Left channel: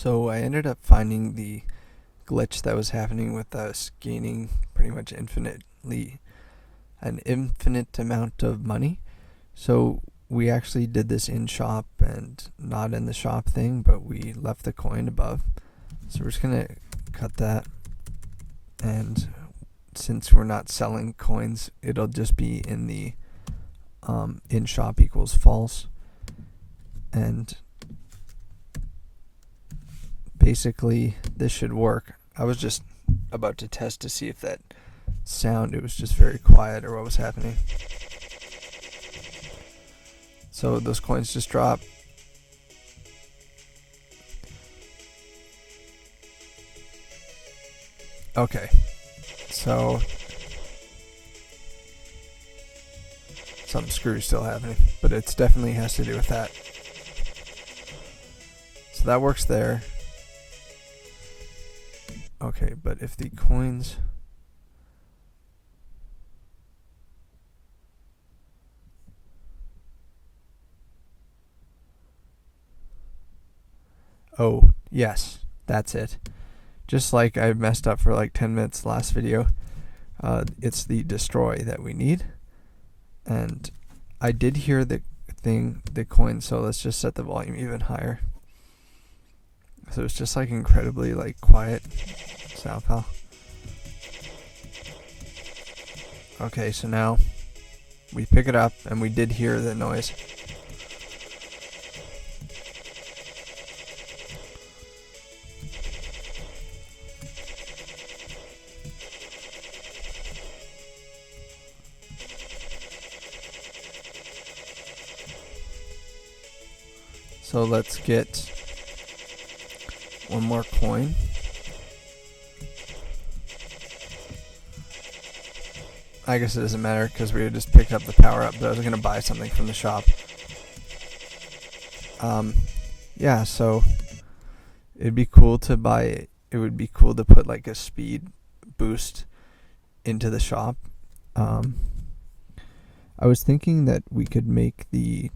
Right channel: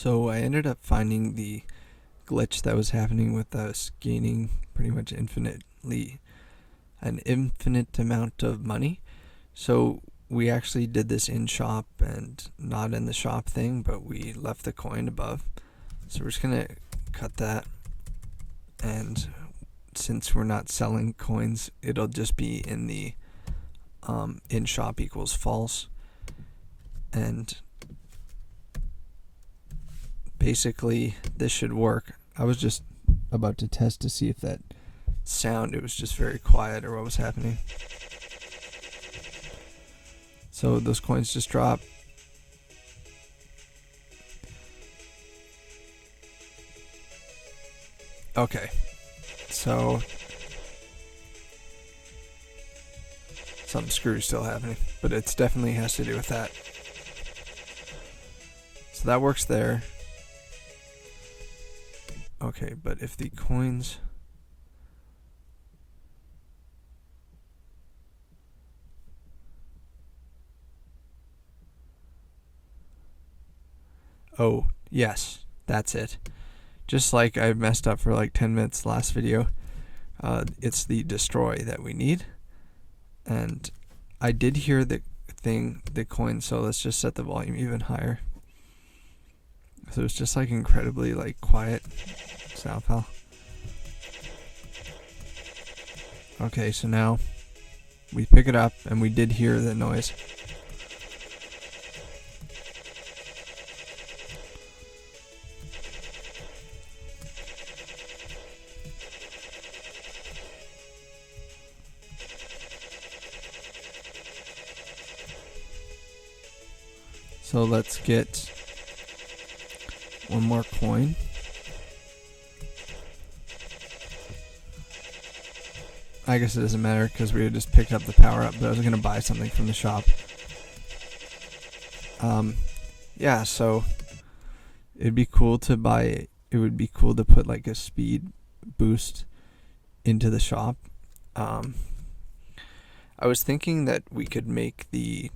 So I ended up finding the glitch that was happening with us gaining pretty much an infinite amount of money. So we actually did this in shop and not in the shop thing, but we left the coin above. So we're just gonna cut that, and since we're not selling coins, it'll just be in the in shop equals false. And basically this should work. I was just about to test to see if that sound, it was just very quiet or what was happening. So those coins just drop. Okay, so some screw still happening, but it definitely has to do with that. So that works there. Okay, but if the coins... Oh, yes, that's it. Just like I messed up for like 10 minutes last video, it's the destroy that we need. And I did hear the coin, so let's just set the volume even higher. So it's just like incredibly like quiet sound file. Okay, so now we pick it up and we did hear the noise. So let's get one more coin. I guess it doesn't matter because we just picked up the power up, but I was going to buy something from the shop. Yeah, so it'd be cool to buy, it would be cool to put like a speed boost into the shop. I was thinking that we could make the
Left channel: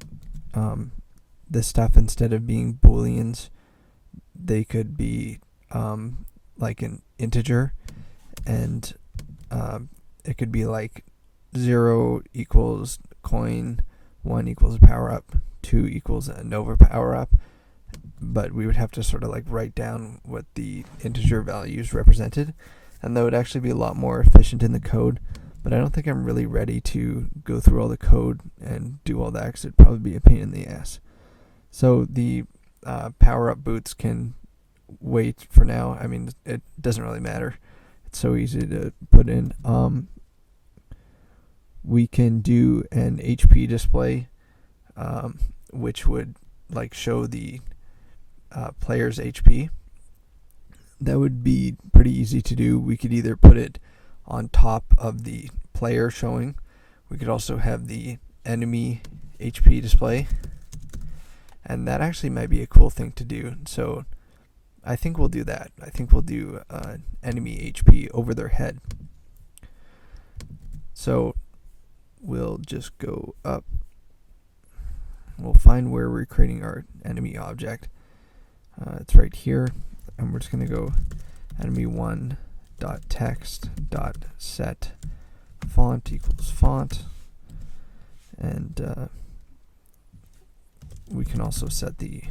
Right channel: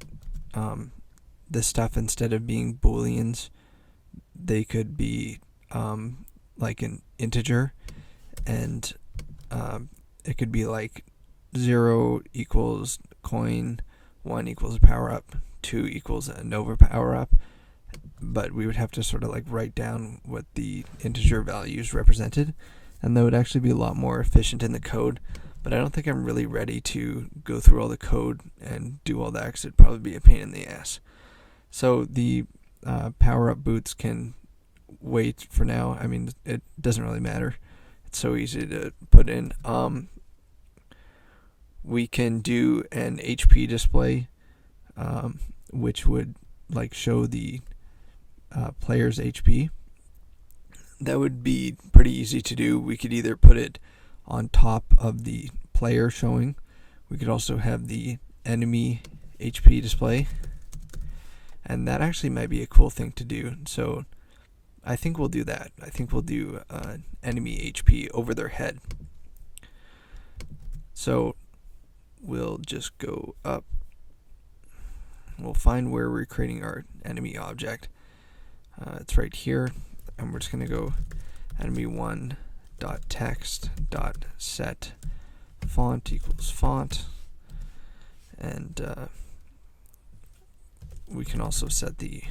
stuff, instead of being booleans, they could be like an integer, and it could be like 0 equals coin, 1 equals a power up, 2 equals a Nova power up, but we would have to sort of like write down what the integer values represented, and that would actually be a lot more efficient in the code. But I don't think I'm really ready to go through all the code and do all that, because it'd probably be a pain in the ass. So the power-up boots can wait for now. I mean, it doesn't really matter. It's so easy to put in. We can do an HP display, which would like show the player's HP. That would be pretty easy to do. We could either put it on top of the player showing. We could also have the enemy HP display. And that actually might be a cool thing to do. So I think we'll do that. I think we'll do enemy HP over their head. So we'll just go up. We'll find where we're creating our enemy object. It's right here. And we're just going to go enemy1.text.set font equals font. And we can also set the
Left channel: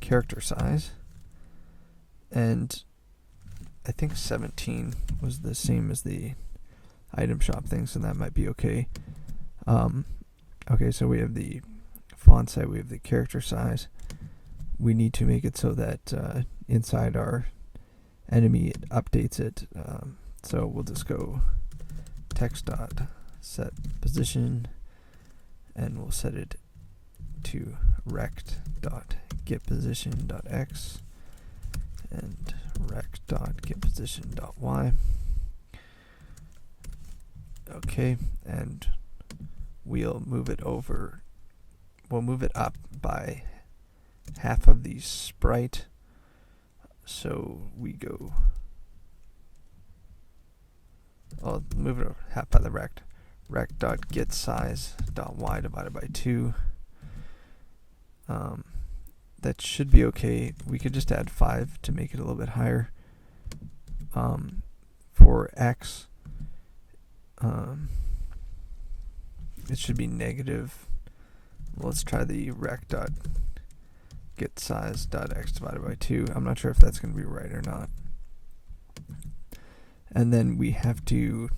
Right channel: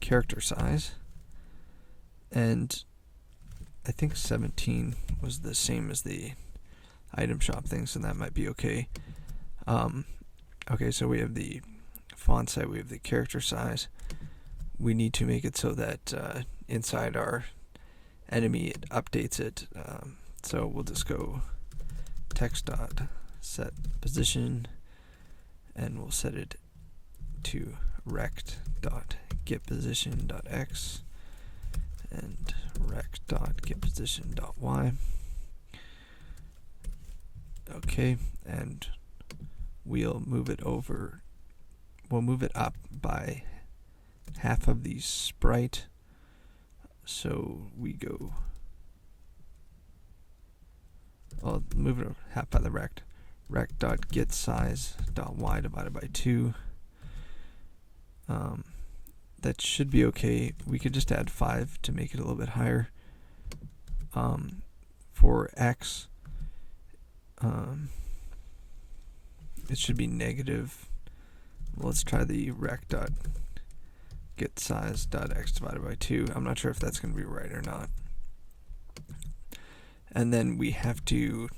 character size, and I think 17 was the same as the item shop thing, so that might be okay. Okay, so we have the font size, we have the character size. We need to make it so that inside our enemy it updates it. So we'll just go text.set position, and we'll set it to rect.getPosition.x and rect.getPosition.y. Okay, and we'll move it over. We'll move it up by half of the sprite. So we go, I'll move it half by the rect. rect.getSize.y divided by 2. That should be okay. We could just add 5 to make it a little bit higher. For x, it should be negative. Let's try the rect.getSize.x divided by 2. I'm not sure if that's going to be right or not. And then we have to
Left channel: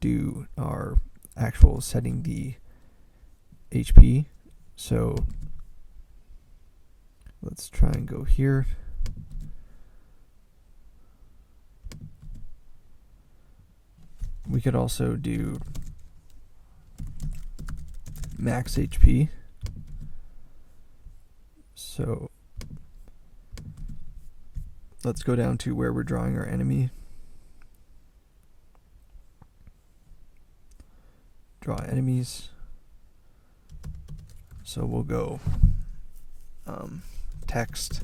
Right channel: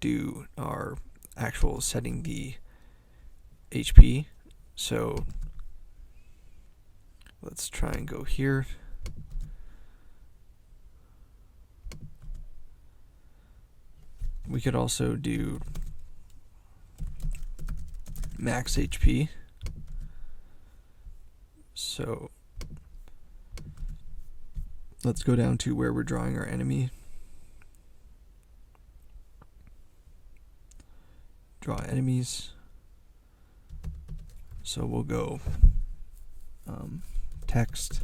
do our actual setting the HP. So let's try and go here. We could also do max HP. So let's go down to where we're drawing our enemy. Draw enemies. So we'll go text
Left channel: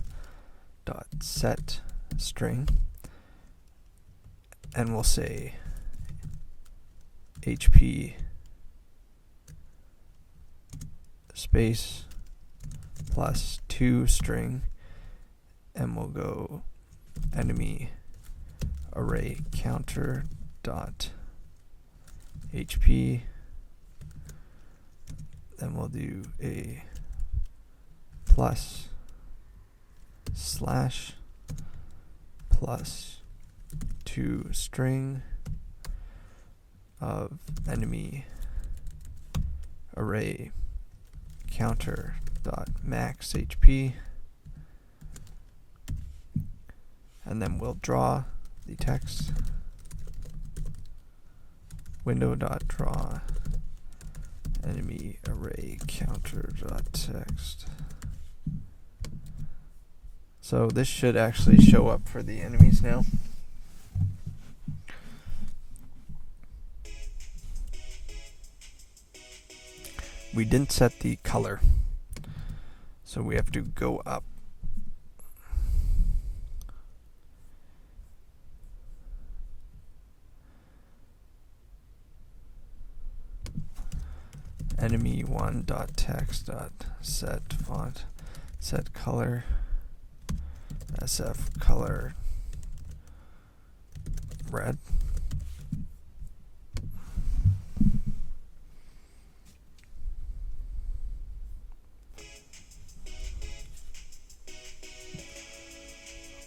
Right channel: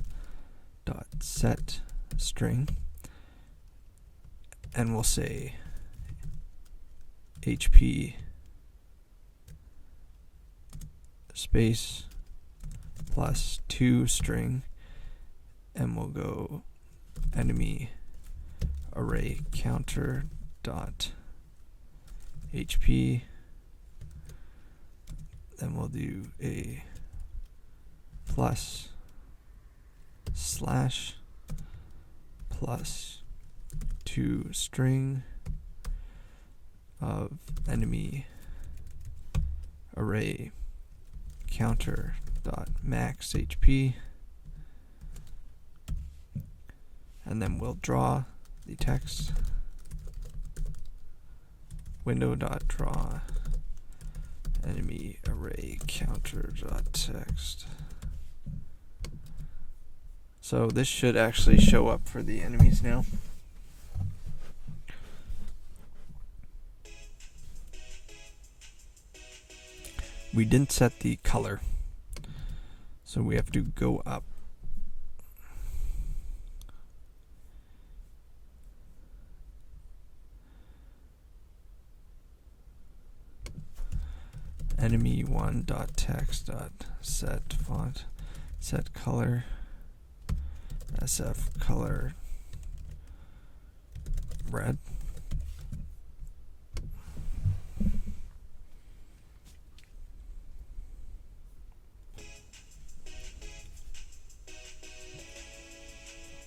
dot set string, and we'll say HP space plus 2 string, and we'll go enemy array counter dot HP. Then we'll do a plus slash plus 2 string of enemy array counter dot max HP, and then we'll draw the text. Window dot draw enemy array counter dot text. So this should actually show up for the enemies now. We didn't set the color, so we have to go up. enemy1.text.set font, set color, SF color red.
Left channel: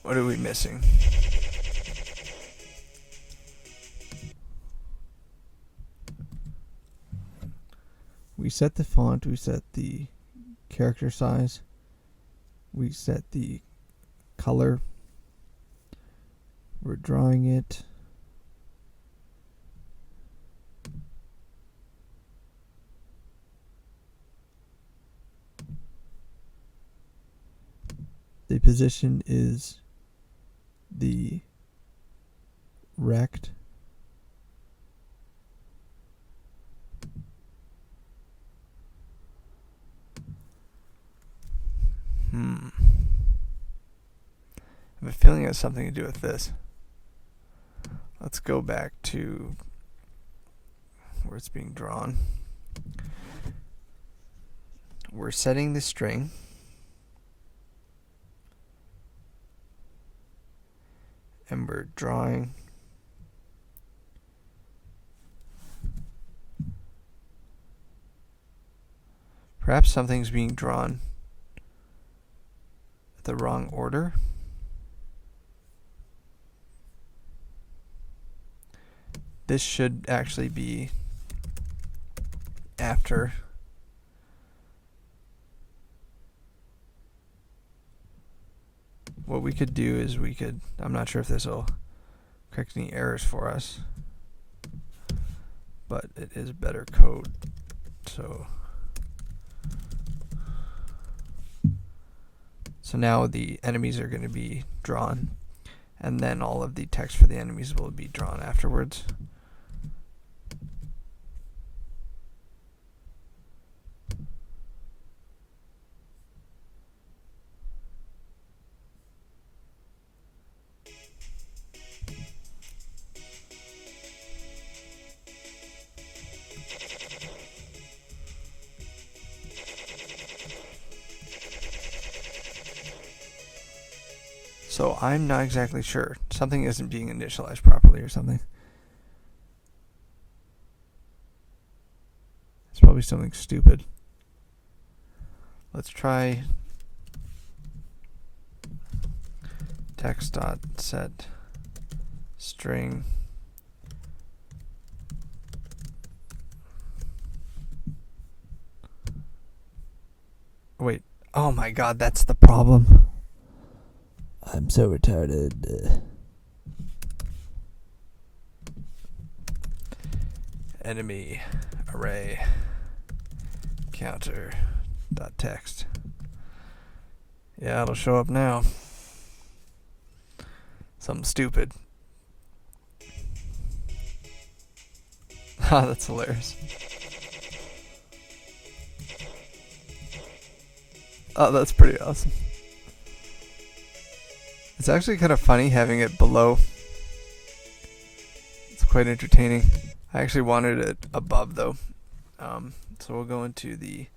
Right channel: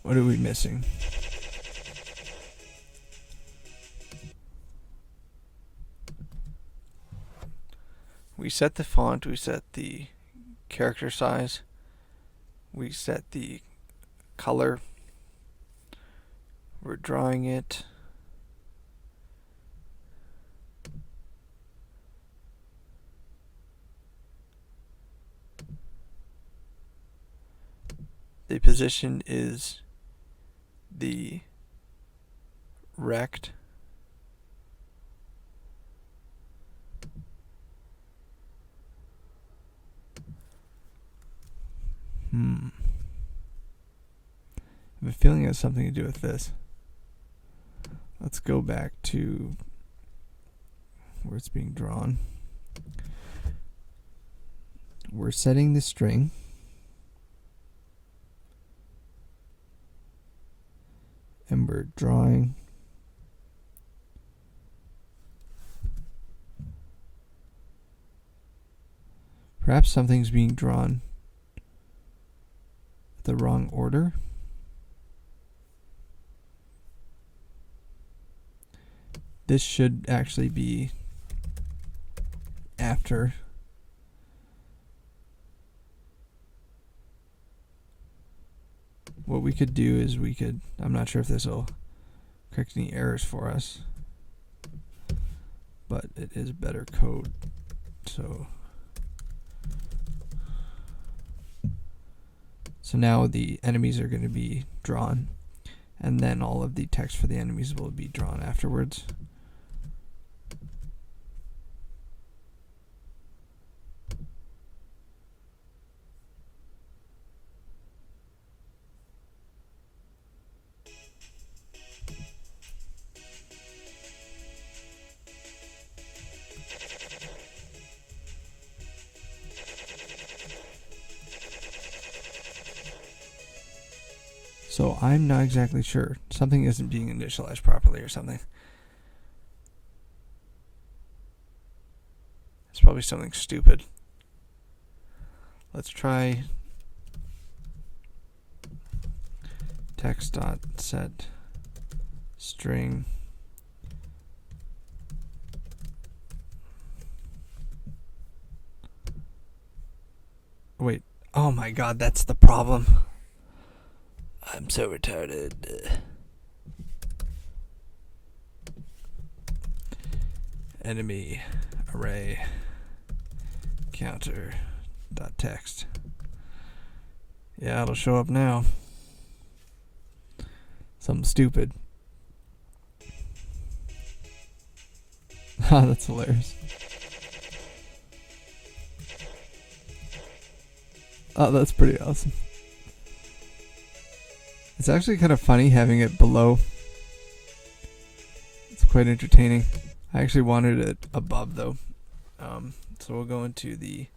What are we missing? We set the font, we set the character size, we set the color, we're drawing it. The position is the rect I have a feeling it has something to do with this. Let's go back to where it's being drawn. We're setting the string. And we're drawing perhaps something's being drawn at the wrong order. This should actually be after. What we could do is I'm not sure if this will correct any errors for us, but it is better code. So now the enemies are going to be drawn, and then all of the text for the enemies will be drawn afterwards. So I'm not exactly sure. Something isn't being initialized properly or something. It's probably something stupid. Let's try text.set string wait. Oh my god, that's the problem. I'm so retarded. Enemy array counter dot text. Yeah, it'll show up now. Something stupid. Ah, that's hilarious. Oh, that's pretty awesome. It's actually kind of funny having it below. It's quite entertaining. I actually wanted it above though. So we'll go into the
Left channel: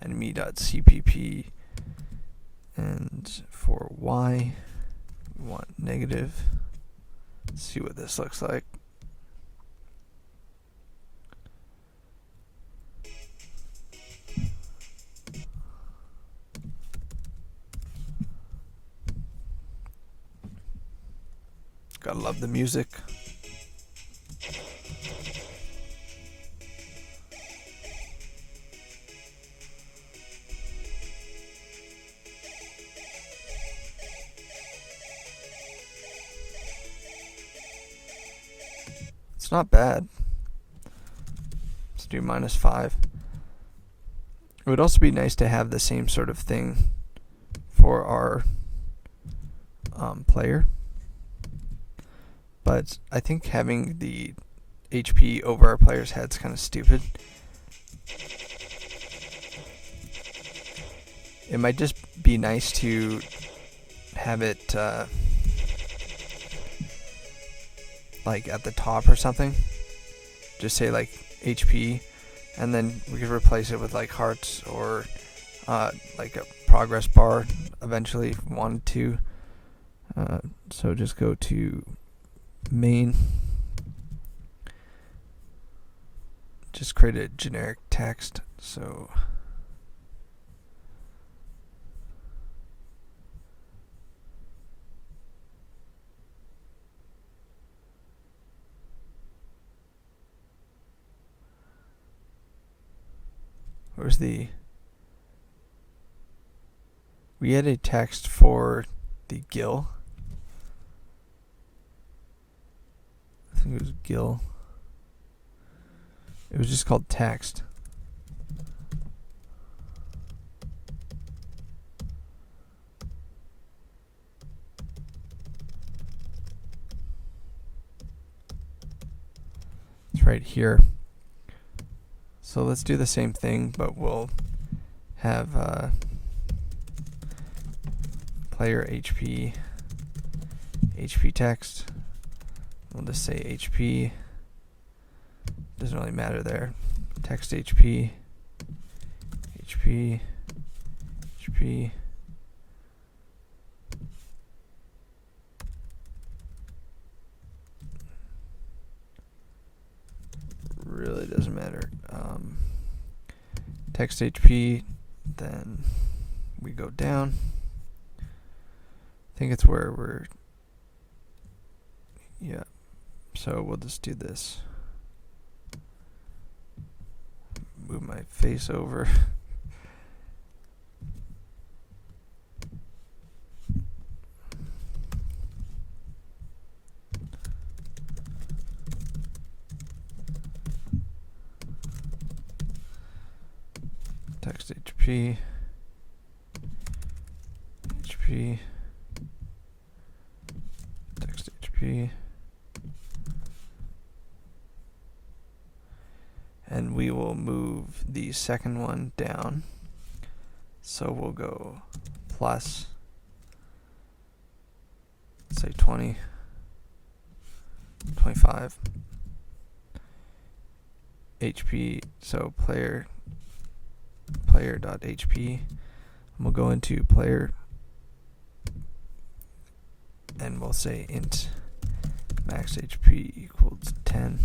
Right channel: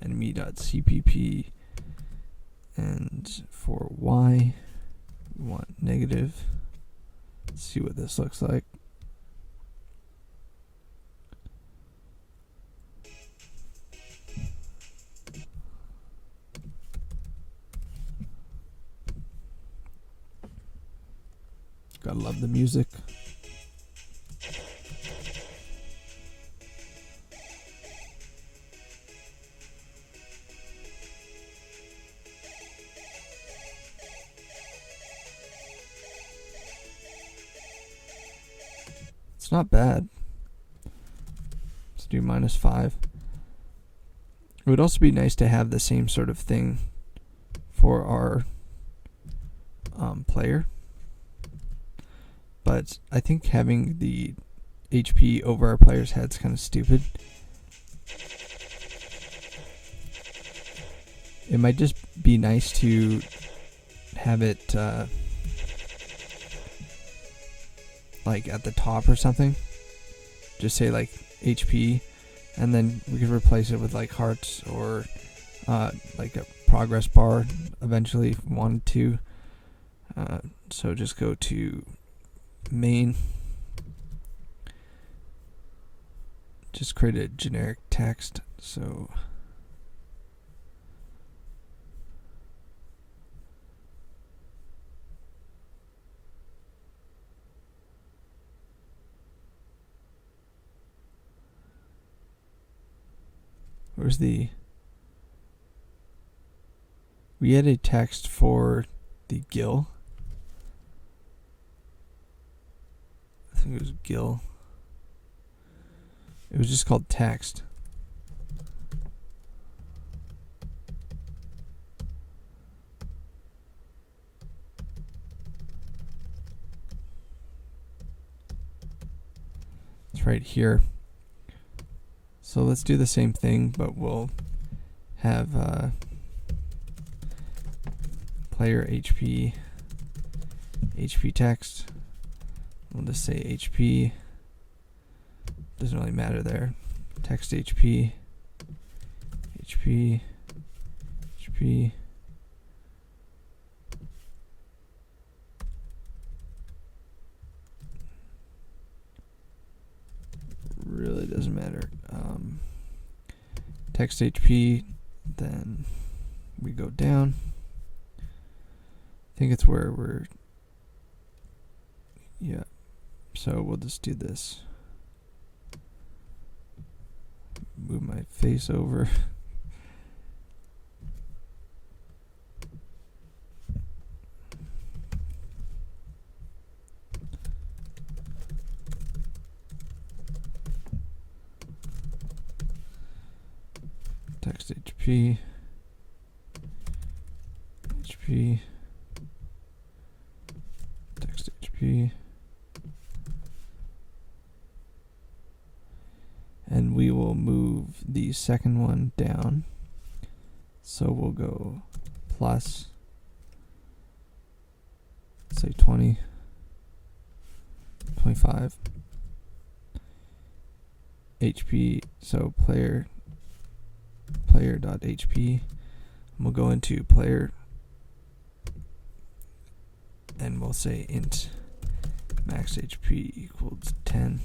enemy.cpp, and for y we want negative. Let's see what this looks like. Gotta love the music. It's not bad. Let's do -5. It would also be nice to have the same sort of thing for our player. But I think having the HP over our player's head's kind of stupid. It might just be nice to have it like at the top or something. Just say like HP, and then we could replace it with like hearts or like a progress bar eventually if we wanted to. So just go to main, just create a generic text. So where's the, we had a text for the gill. I think it was gill. It was just called text. It's right here. So let's do the same thing, but we'll have player HP text. We'll just say HP. Doesn't really matter there. Text HP. Really doesn't matter. Text HP. Then we go down. I think it's where we're. Yeah. So we'll just do this. Move my face over. Text HP. Text HP. And we will move the second one down. So we'll go plus, say 20, 25. HP, so player.hp. And we'll go into player and we'll say int max HP equals 10.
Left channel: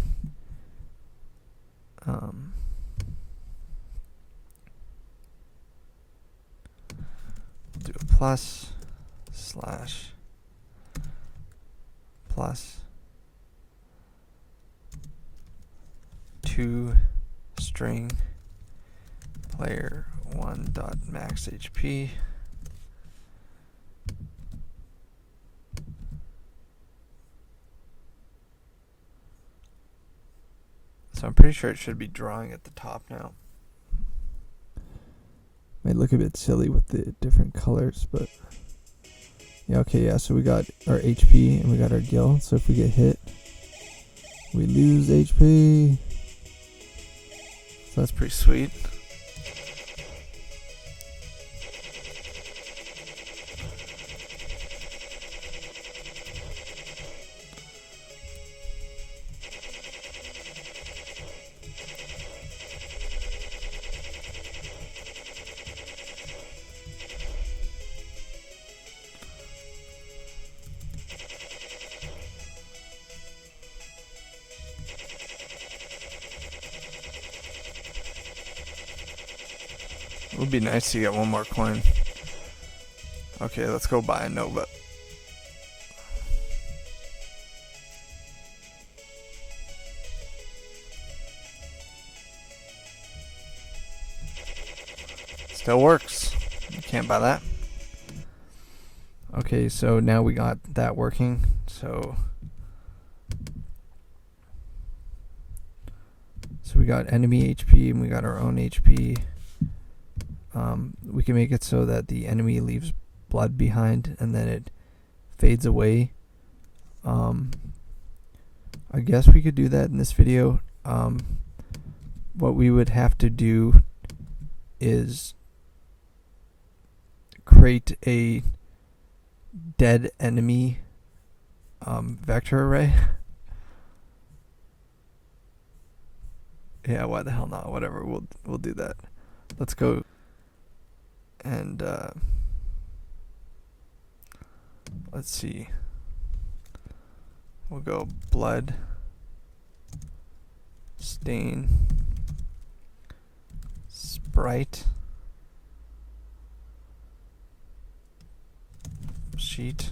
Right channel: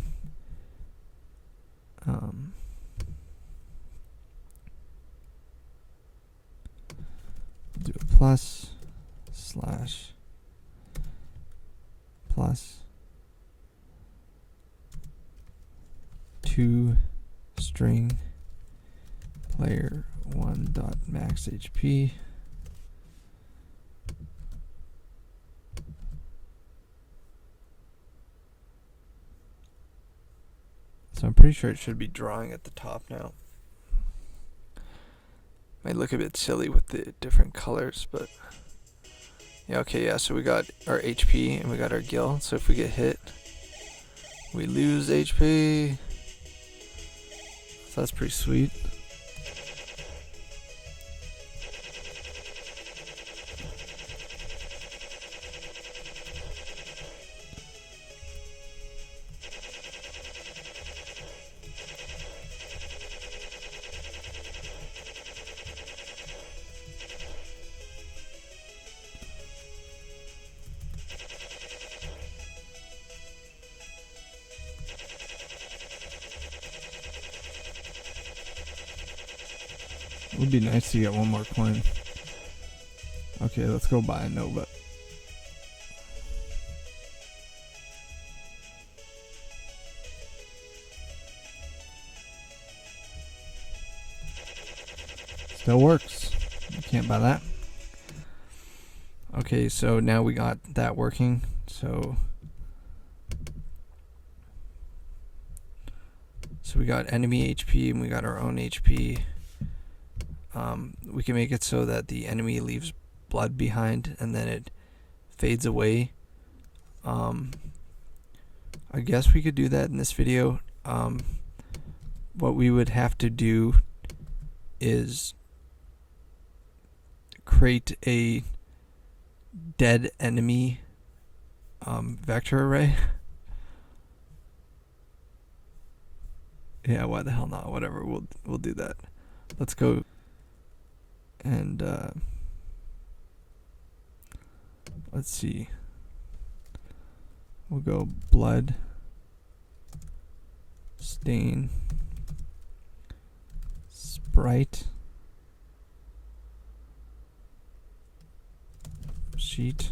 Do a plus slash plus 2 string player 1 dot max HP So I'm pretty sure it should be drawing at the top now. Might look a bit silly with the different colors, but yeah, okay, yeah, so we got our HP and we got our gil. So if we get hit, we lose HP. So that's pretty sweet. It would be nice to get one more coin. Okay, let's go buy a Nova. Still works. You can't buy that. Okay, so now we got that working. So we got enemy HP and we got our own HP. We can make it so that the enemy leaves blood behind and then it fades away. I guess we could do that in this video. What we would have to do is create a dead enemy vector array. Yeah, why the hell not? Whatever, we'll do that. Let's go and let's see. We'll go blood stain sprite sheet.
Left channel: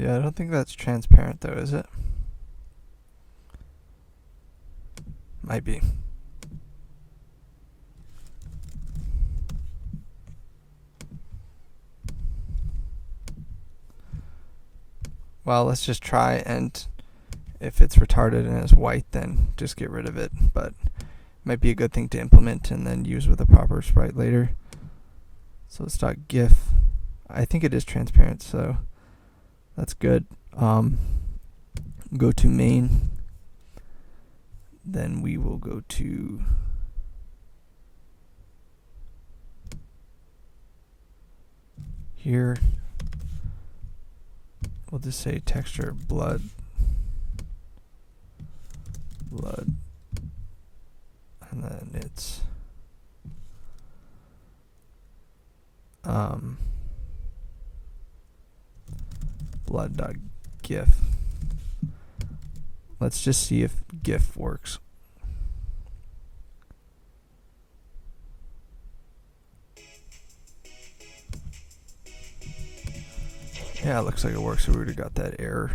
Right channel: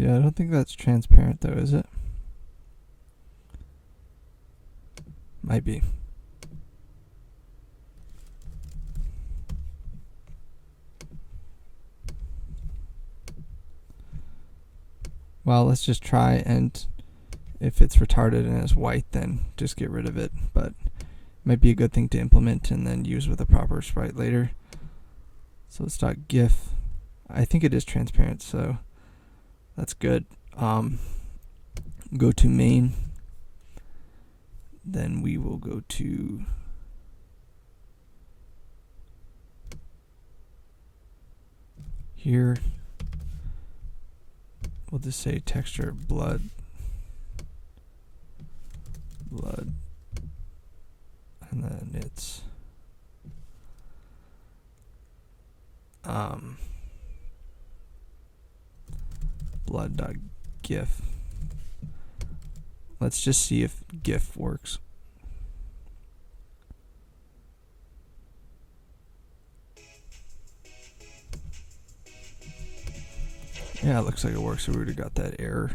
Yeah, I don't think that's transparent though, is it? Might be. Well, let's just try, and if it's retarded and it's white, then just get rid of it. But it might be a good thing to implement and then use with a proper sprite later. So let's start GIF. I think it is transparent, so that's good. Go to main. Then we will go to here. We'll just say texture blood, and then it's blood.gif. Let's just see if GIF works. Yeah, it looks like it works. So we already got that error.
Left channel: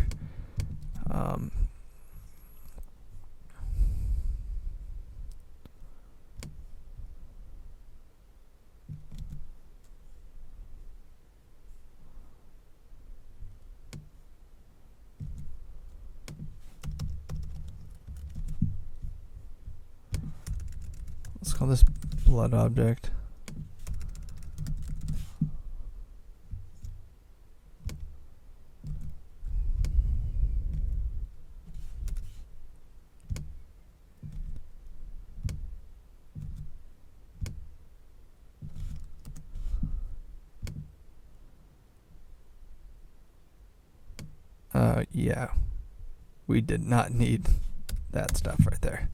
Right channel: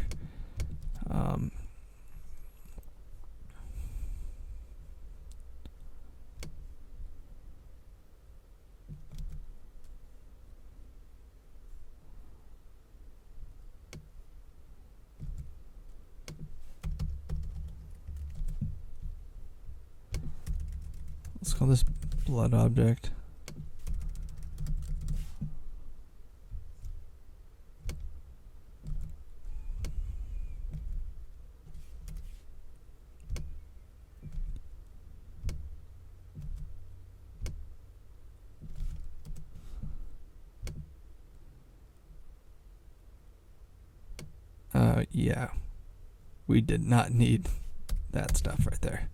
let's call this blood object. Yeah, we did not need that stuff right there.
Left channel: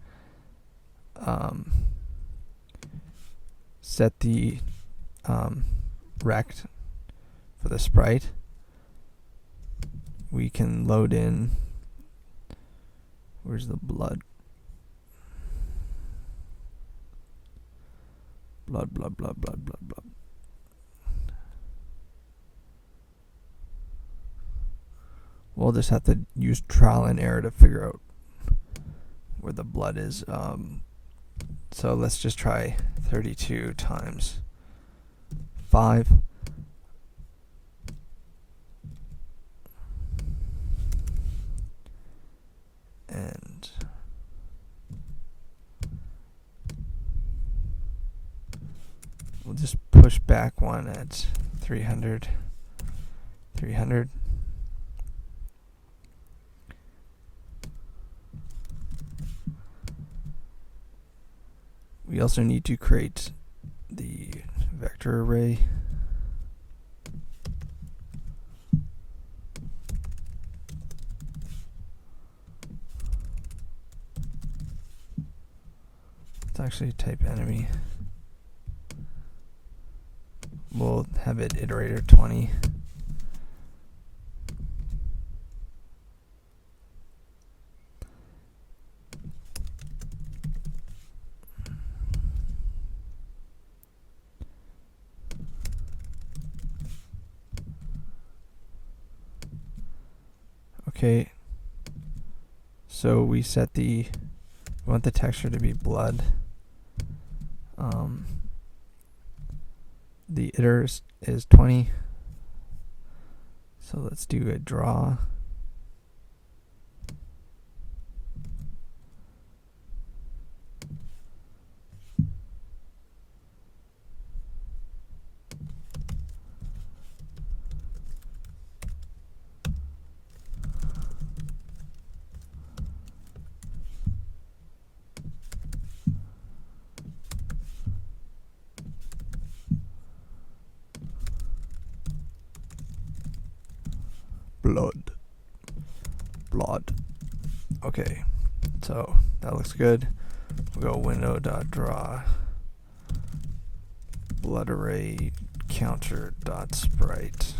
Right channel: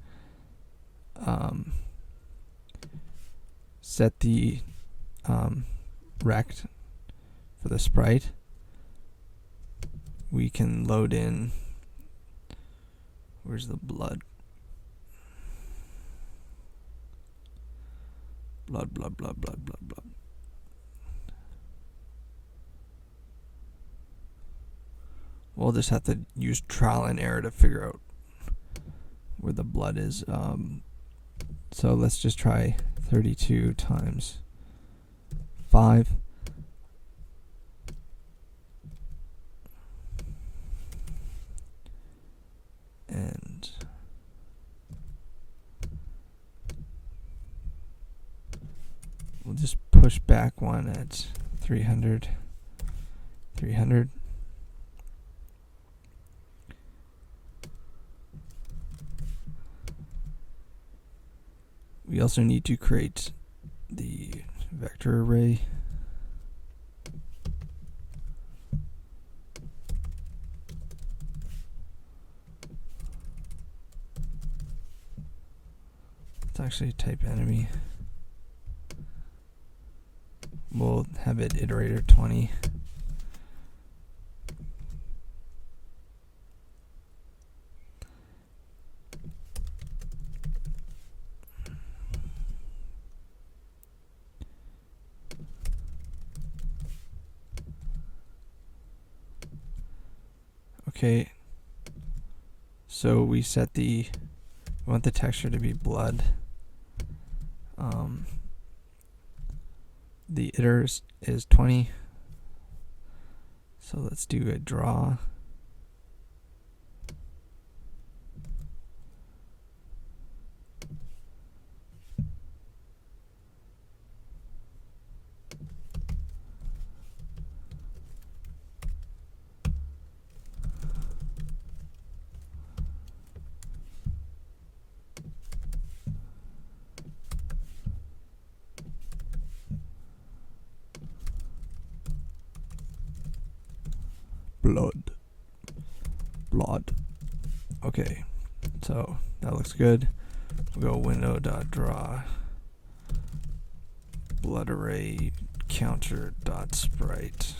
Set the rect for the sprite. We can load in, where's the blood? Blood. We'll just have to use trial and error to figure out where the blood is. So let's just try 32 times 5. And we'll just push back one at 300. We also need to create the vector array. Let's actually type enemy. We'll have it iterator 20. Okay, so we set we want the texture to be blood. The iter is 20. So let's do a draw. Blood. Okay, so that looks good. We'll go window.draw blood array counter.sprite.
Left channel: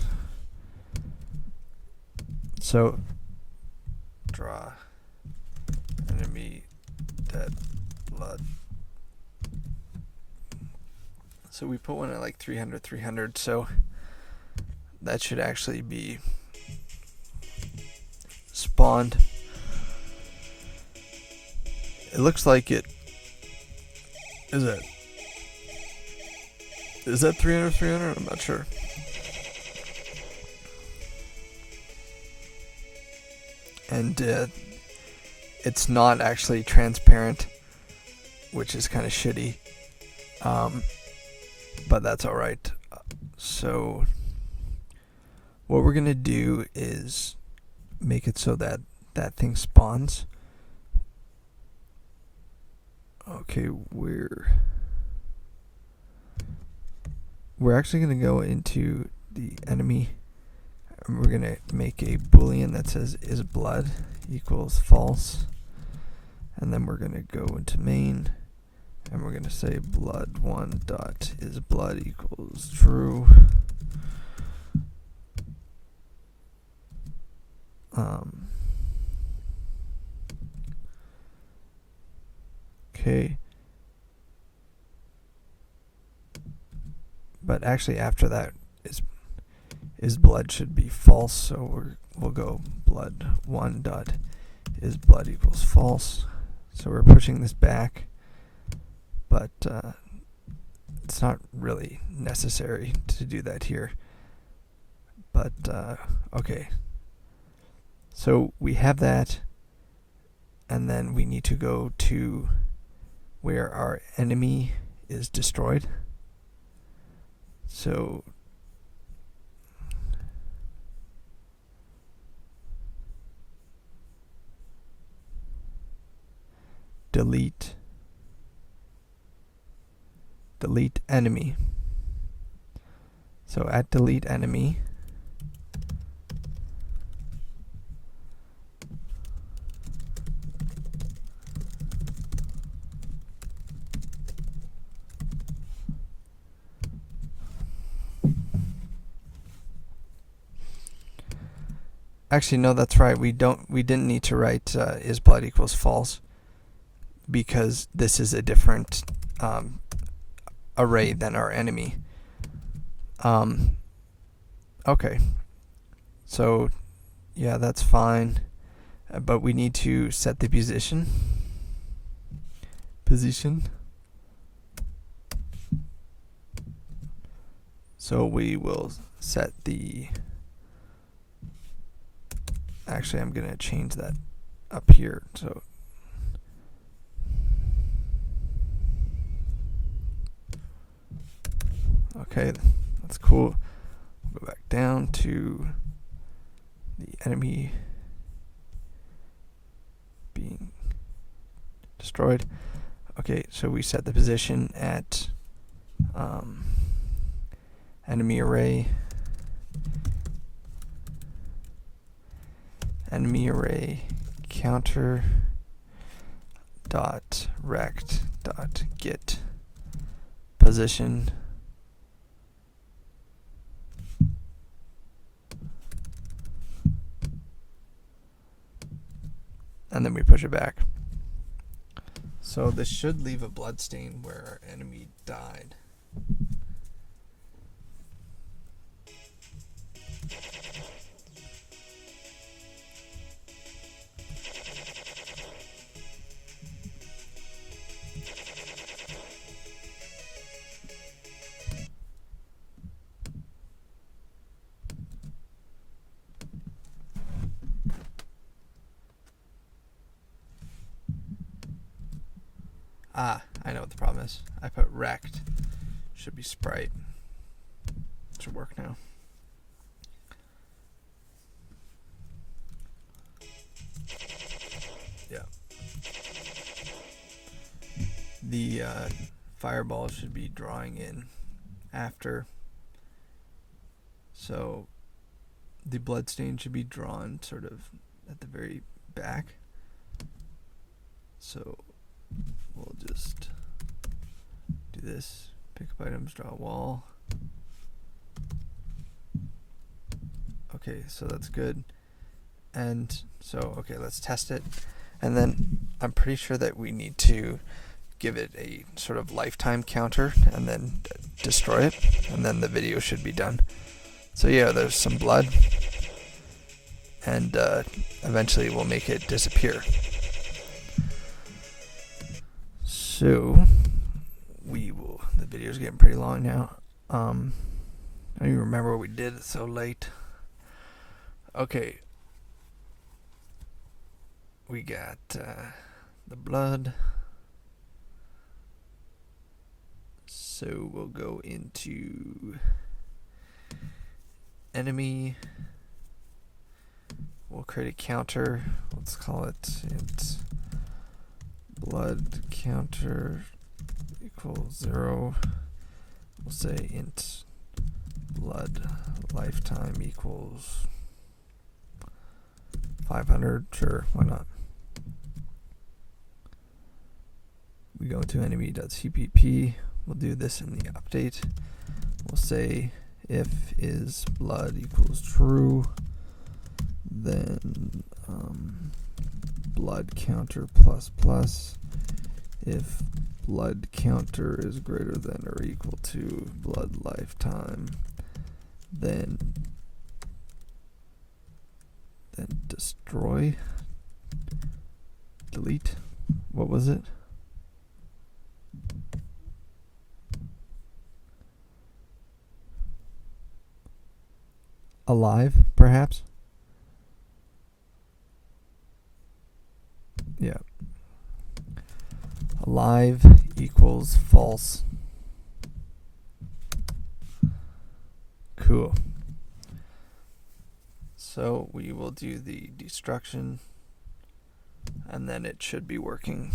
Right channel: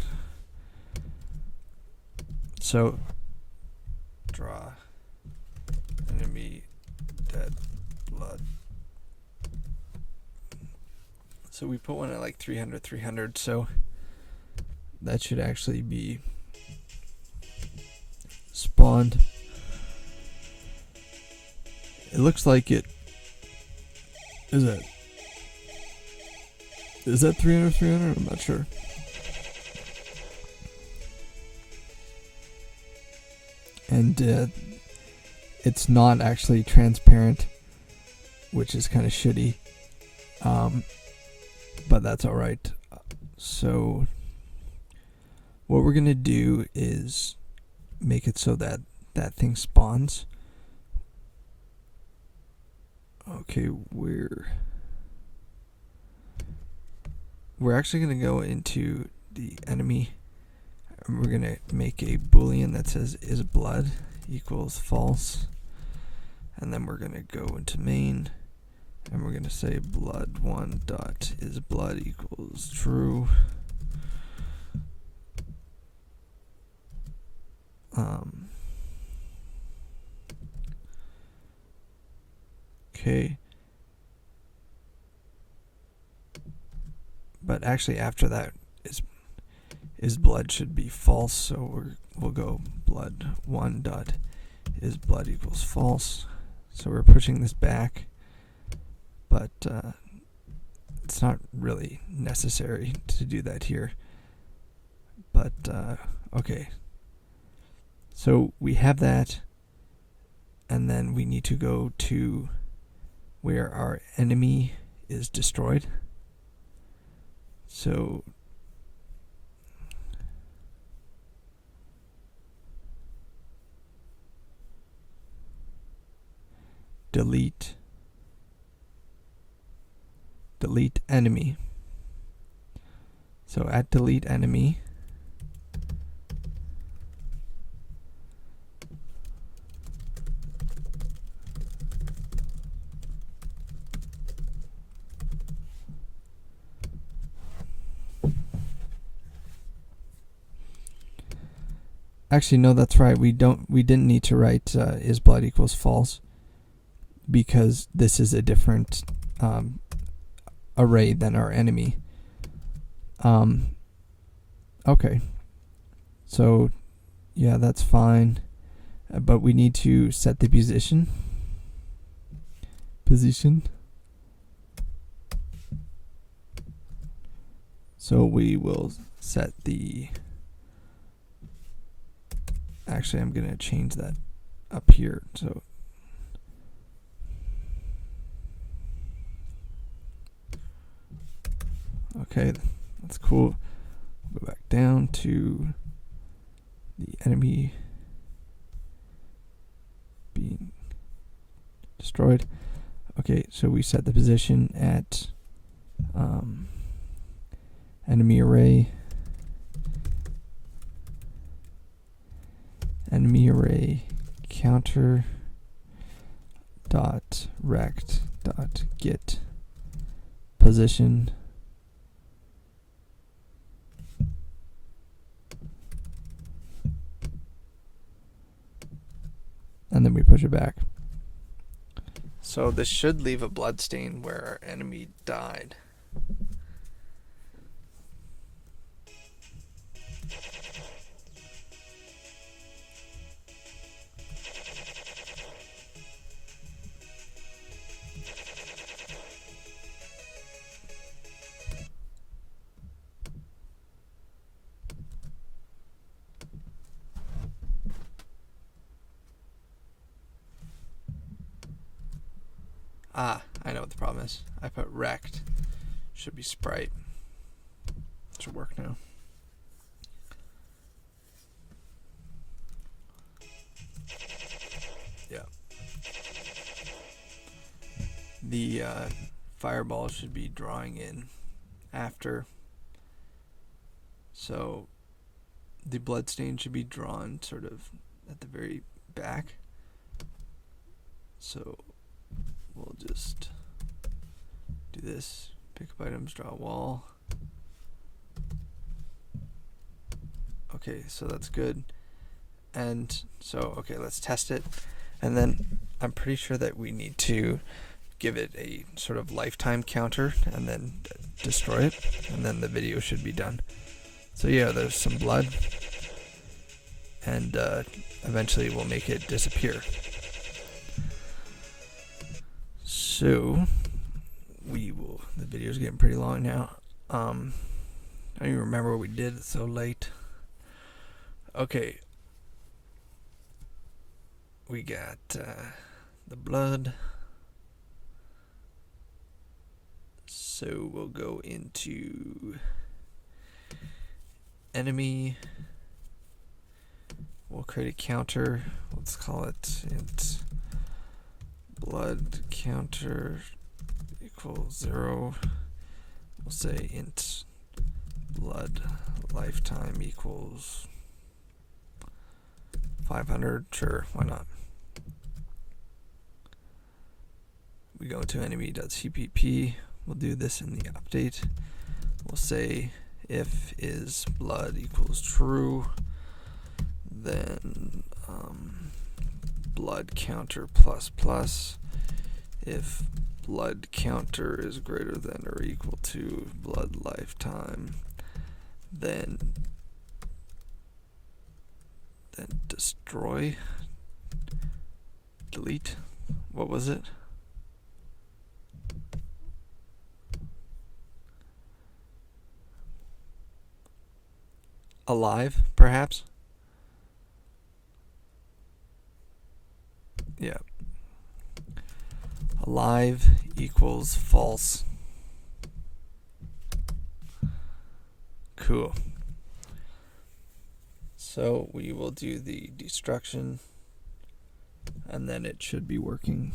So draw enemy dead blood. So we put one at like 300, so that should actually be spawned. It looks like it is that 300? I'm not sure. And it's not actually transparent, which is kind of shitty, but that's alright. So what we're gonna do is make it so that that thing spawns. Okay, we're actually going to go into the enemy, and we're going to make a boolean that says is blood equals false, and then we're going to go into main, and we're going to say blood1 dot is blood equals true. Okay, but actually after that is blood should be false, so we'll go blood1 dot is blood equals false. So we're pushing this back, but it's not really necessary to do that here. But okay, so we have that, and then we need to go to where our enemy is destroyed. So delete enemy. So at delete enemy, actually no, that's right. We didn't need to write is blood equals false, because this is a different array than our enemy. Okay, so yeah, that's fine, but we need to set the position. So we will set the, actually I'm going to change that up here. So okay, that's cool. We'll go back down to the enemy being destroyed. Okay, so we set the position at enemy array counter dot rect dot get position and then we push it back. So this should leave a blood stain where our enemy died. Ah, I know what the problem is. I put rect. Should be sprite. Should work now. Yeah. The fireball should be drawing in after. So the bloodstain should be drawn sort of at the very back. So we'll just do this, pick up items, draw a wall. Okay, so that's good. And so, okay, let's test it. And then I'm pretty sure that we need to give it a sort of lifetime counter and then destroy it. And then the video should be done. So yeah, there's some blood. And eventually we'll make it disappear. So we will, the video's getting pretty long now. I don't even remember what we did, it's so late. Okay. We got the blood. So we'll go into enemy. We'll create a counter. Let's call it int blood counter equals 0. We'll say int blood lifetime equals 500. Sure, why not? We go to enemy.cpp. We'll do this in the update. We'll say if is blood equals true, then blood counter plus plus. If blood counter is greater than or equal to blood lifetime, then destroy, delete. What was it? Alive, perhaps? Yeah. alive equals false. Cool. So we will do the destruction, and then it should be working.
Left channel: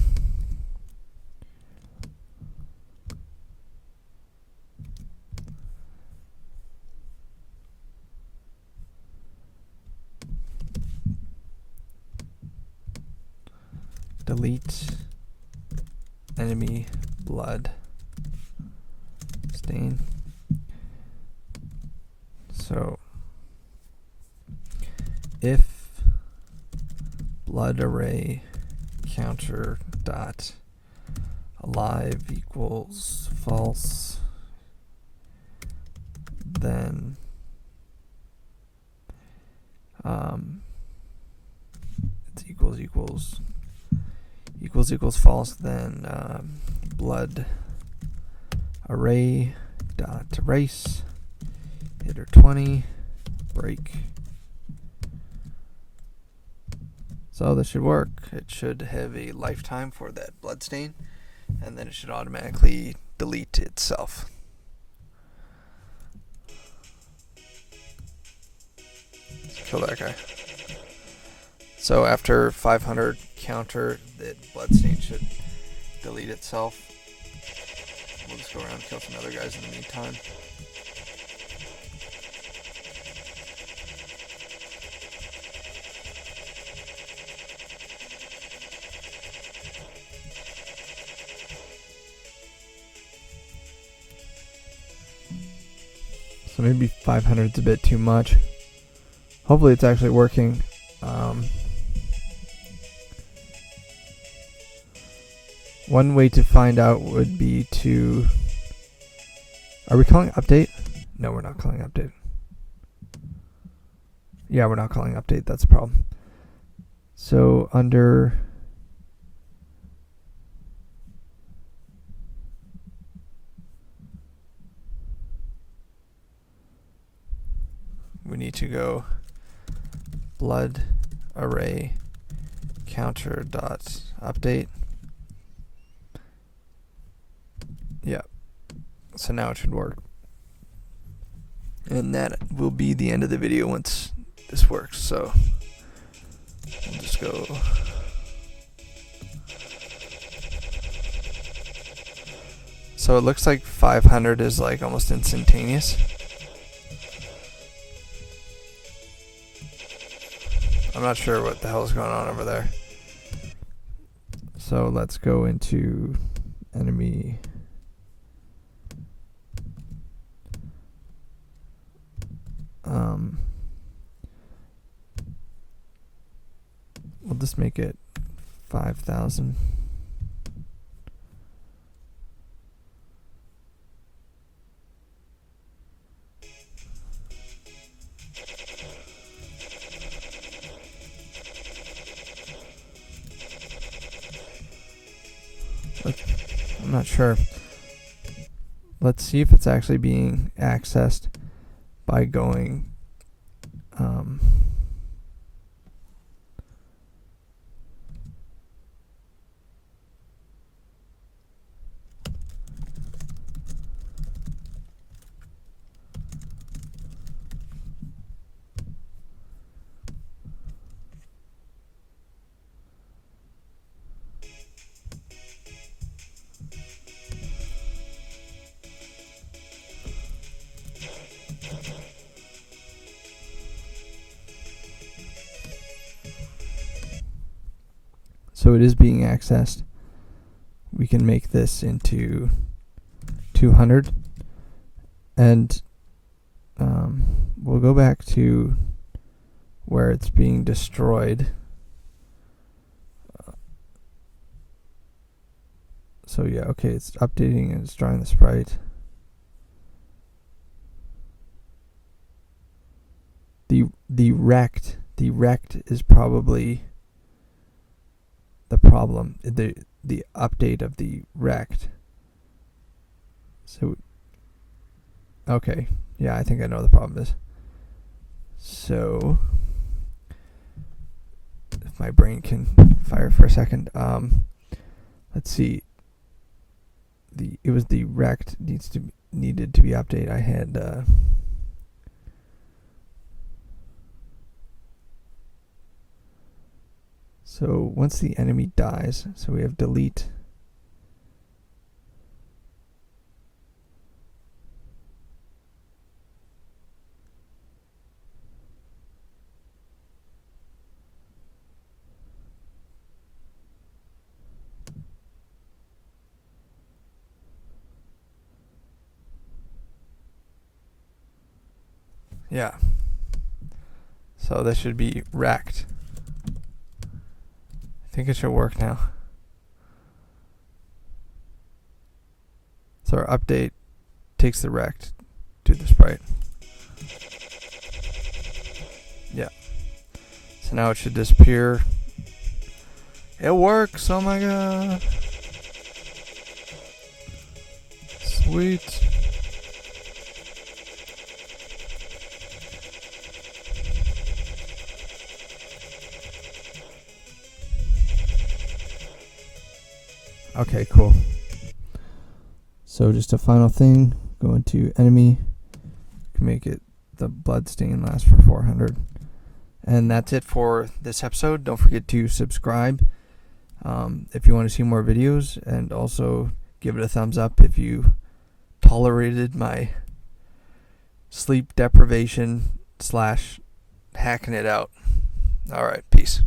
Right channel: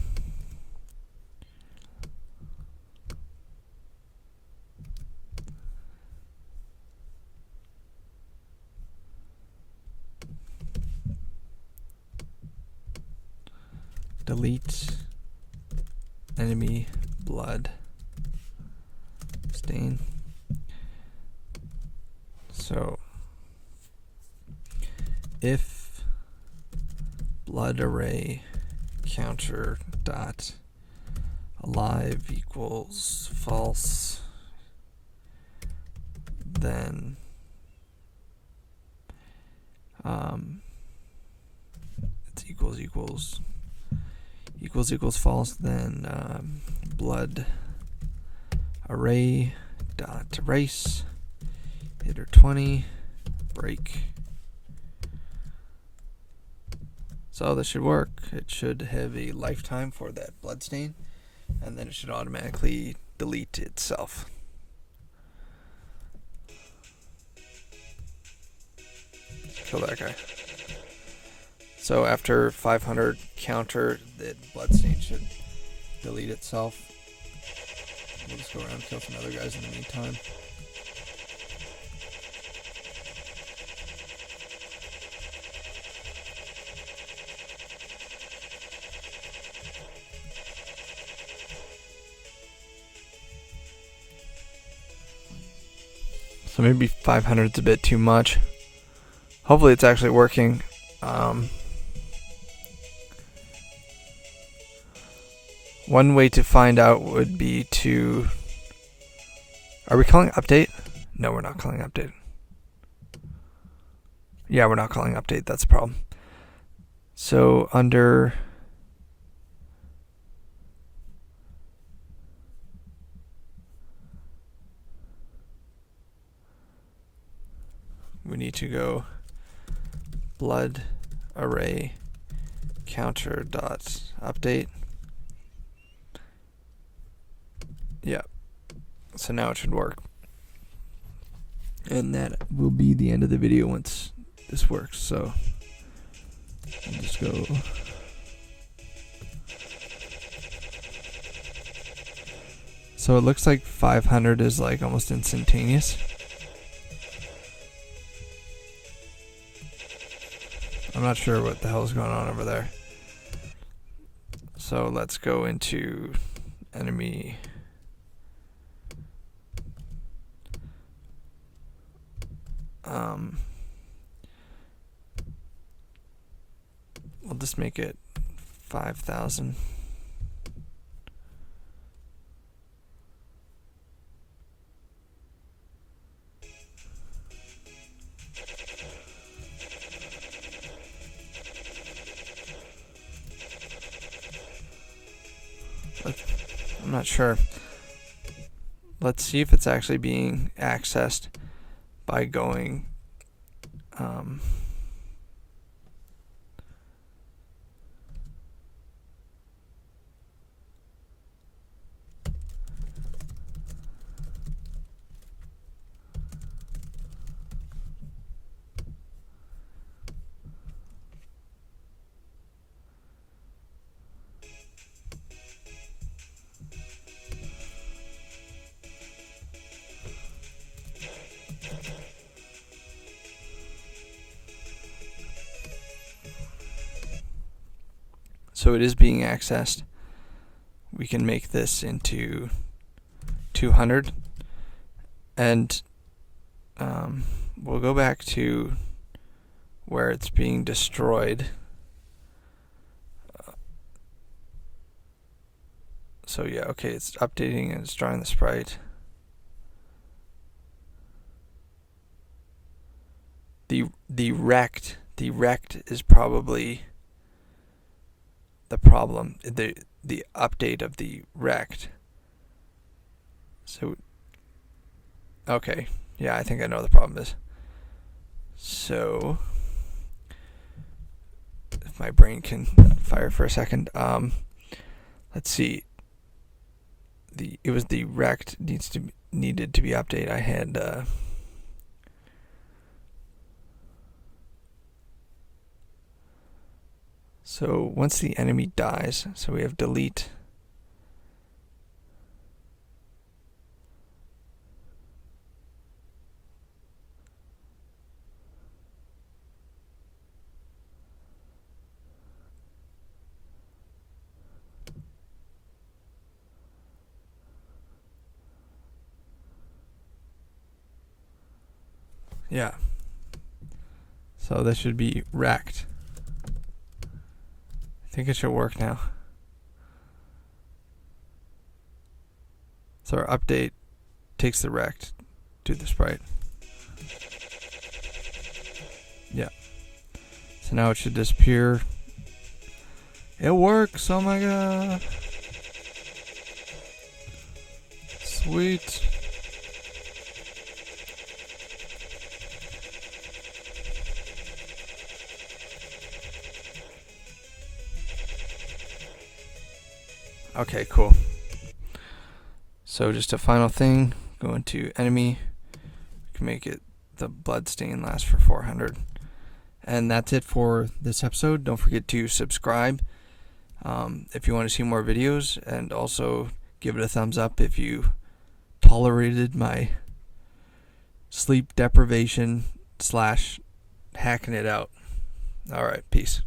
Delete enemy blood stain. So if blood array counter dot alive equals false, then it's equals false, then blood array dot erase hitter 20 break. So this should work. It should have a lifetime for that blood stain, and then it should automatically delete itself. Kill that guy. So after 500 counter, the bloodstain should delete itself. We'll just go around and kill some other guys in the meantime. So maybe 500 is a bit too much. Hopefully it's actually working. One way to find out would be to... Are we calling update? No, we're not calling update. Yeah, we're not calling update. That's a problem. So under... we need to go blood array counter dot update. Yeah. So now it should work. And that will be the end of the video once this works. So we'll just go. So it looks like 500 is like almost instantaneous. I'm not sure what the hell is going on over there. So let's go into enemy. We'll just make it 5,000. I'm not sure. Let's see if it's actually being accessed by going so it is being accessed. We can make this into 200, and we'll go back to where it's being destroyed. So yeah, okay, it's updating and it's drawing the sprite. The rect is probably the problem. The update of the rect. So okay, yeah, I think I know what the problem is. So if my brain can fire for a second, let's see. it was the rect needed to be updated. I had so once the enemy dies, so we have delete. Yeah. So this should be wrecked. I think it should work now. So our update takes the rect to the sprite. Yeah. So now it should disappear. It works! Oh my god! Sweet. Okay, cool. So just a final thing, go into enemy, you can make it the bloodstain last for 400. And that's it for this episode. Don't forget to subscribe if you want to see more videos, and also give it a thumbs up if you tolerated my sleep deprivation / hacking it out. Alright, peace.